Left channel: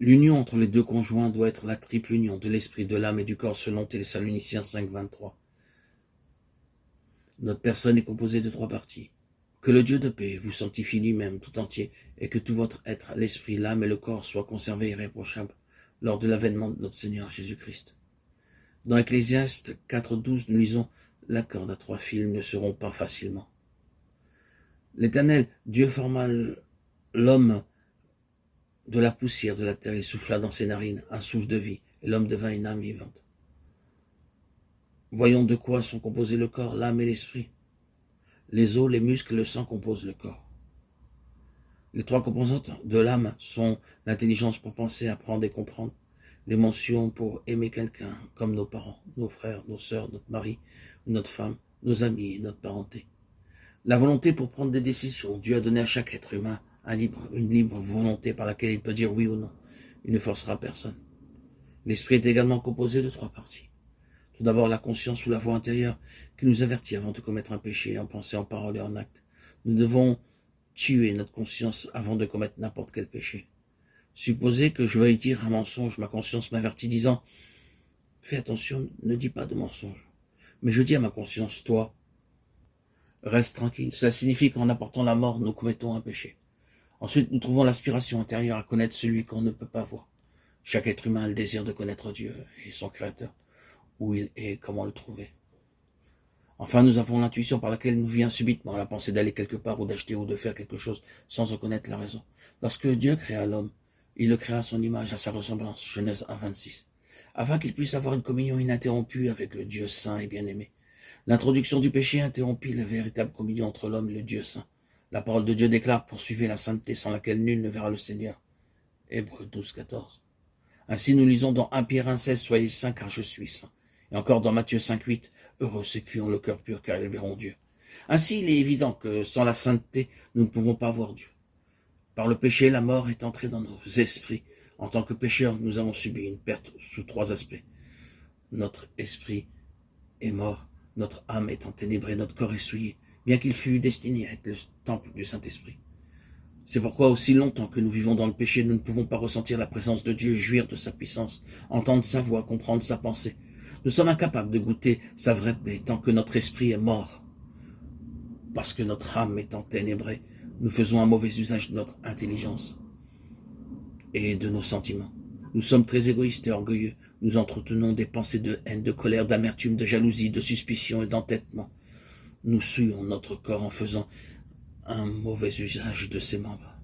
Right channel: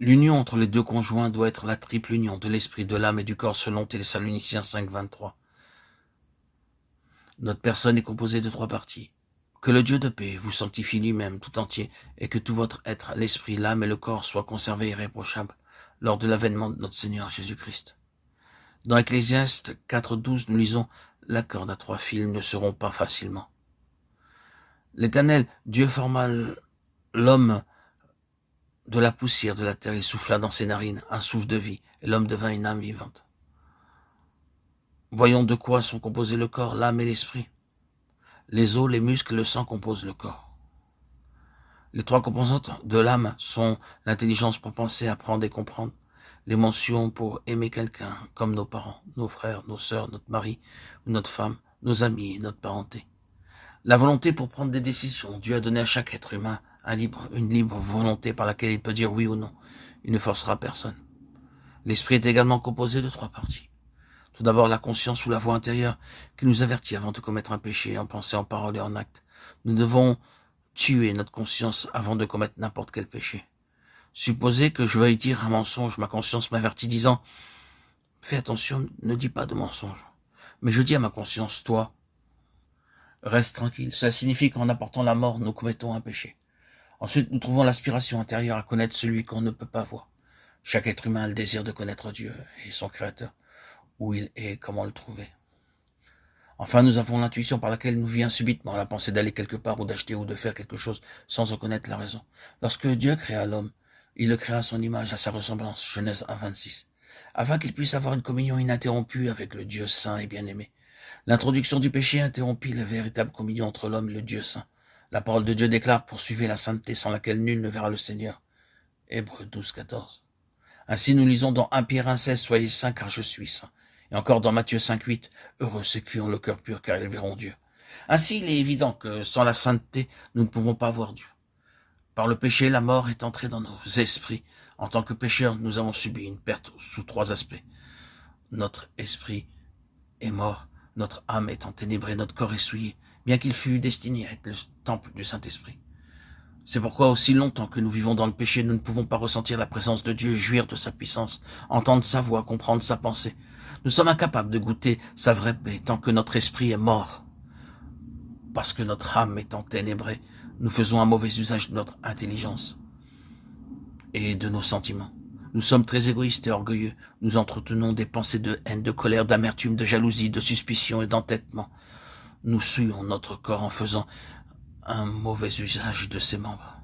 L'union entre les deux conjoints doit être la triple union de l'esprit, de l'âme et du corps selon Thessaloniciens 5,23. Notre personne est composée de 3 parties. Que le Dieu de paix vous sanctifie lui-même tout entier et que tout votre être, l'esprit, l'âme et le corps soient conservés irréprochables lors de l'avènement de notre Seigneur Jésus-Christ. Dans Ecclésiaste 4,12, nous lisons « La corde à 3 fils ne se rompt pas facilement ». L'Éternel, Dieu forma l'homme de la poussière de la terre et souffla dans ses narines un souffle de vie, et l'homme devint une âme vivante. Voyons de quoi sont composés le corps, l'âme et l'esprit. Les os, les muscles et le sang composent le corps. Les 3 composantes de l'âme sont l'intelligence pour penser, apprendre et comprendre, l'émotion pour aimer quelqu'un, comme nos parents, nos frères, nos sœurs, notre mari ou notre femme, nos amis et notre parenté. La volonté pour prendre des décisions. Dieu a donné à chaque être humain une libre volonté par laquelle il peut dire oui ou non. Il ne forcera personne. L'esprit est également composé de 3 parties. Tout d'abord, la conscience ou la voix intérieure qui nous avertit avant de commettre un péché en pensée, en parole et en acte. Nous devons tuer notre conscience avant de commettre n'importe quel péché. Supposez que je veuille dire un mensonge, ma conscience m'avertit disant « Fais attention, ne dis pas de mensonge. » Mais je dis à ma conscience « Toi, reste tranquille. » Cela signifie qu'en apportant la mort, nous commettons un péché. Ensuite, nous trouvons l'aspiration intérieure à connaître celui qu'on ne peut pas voir. Chaque être humain a le désir de connaître Dieu et son Créateur, où il est et comment le trouver. Enfin, nous avons l'intuition par laquelle nous vient subitement la pensée d'aller quelque part ou d'acheter ou de faire quelque chose sans en connaître la raison. Lorsque Dieu créa l'homme, il le créa à son image, à sa ressemblance, Genèse 1,26, afin qu'il puisse avoir une communion ininterrompue avec le Dieu saint et bien-aimé. L'introduction du péché interrompit la véritable communion entre l'homme et le Dieu saint. La parole de Dieu déclare « Poursuivez la sainteté sans laquelle nul ne verra le Seigneur ». Hébreux 12,14. Ainsi nous lisons dans 1 Pierre 1,16 « Soyez saints car je suis saint ». Et encore dans Matthieu 5,8 « Heureux ceux qui ont le cœur pur car ils verront Dieu ». Ainsi il est évident que sans la sainteté, nous ne pouvons pas voir Dieu. Par le péché, la mort est entrée dans nos esprits. En tant que pécheurs, nous avons subi une perte sous 3 aspects. Notre esprit est mort, notre âme est enténébrée, notre corps est souillé, bien qu'il fût destiné à être le temple du Saint-Esprit. C'est pourquoi aussi longtemps que nous vivons dans le péché, nous ne pouvons pas ressentir la présence de Dieu, jouir de sa puissance, entendre sa voix, comprendre sa pensée. Nous sommes incapables de goûter sa vraie paix tant que notre esprit est mort. Parce que notre âme est enténébrée, nous faisons un mauvais usage de notre intelligence et de nos sentiments. Nous sommes très égoïstes et orgueilleux. Nous entretenons des pensées de haine, de colère, d'amertume, de jalousie, de suspicion et d'entêtement. Nous souillons notre corps en faisant un mauvais usage de ses membres.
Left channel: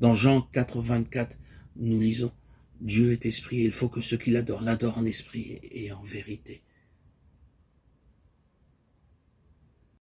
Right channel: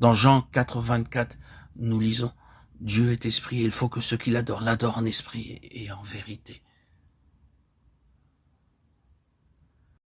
Dans Jean 4,24, nous lisons « Dieu est esprit et il faut que ceux qui l'adorent en esprit et en vérité. »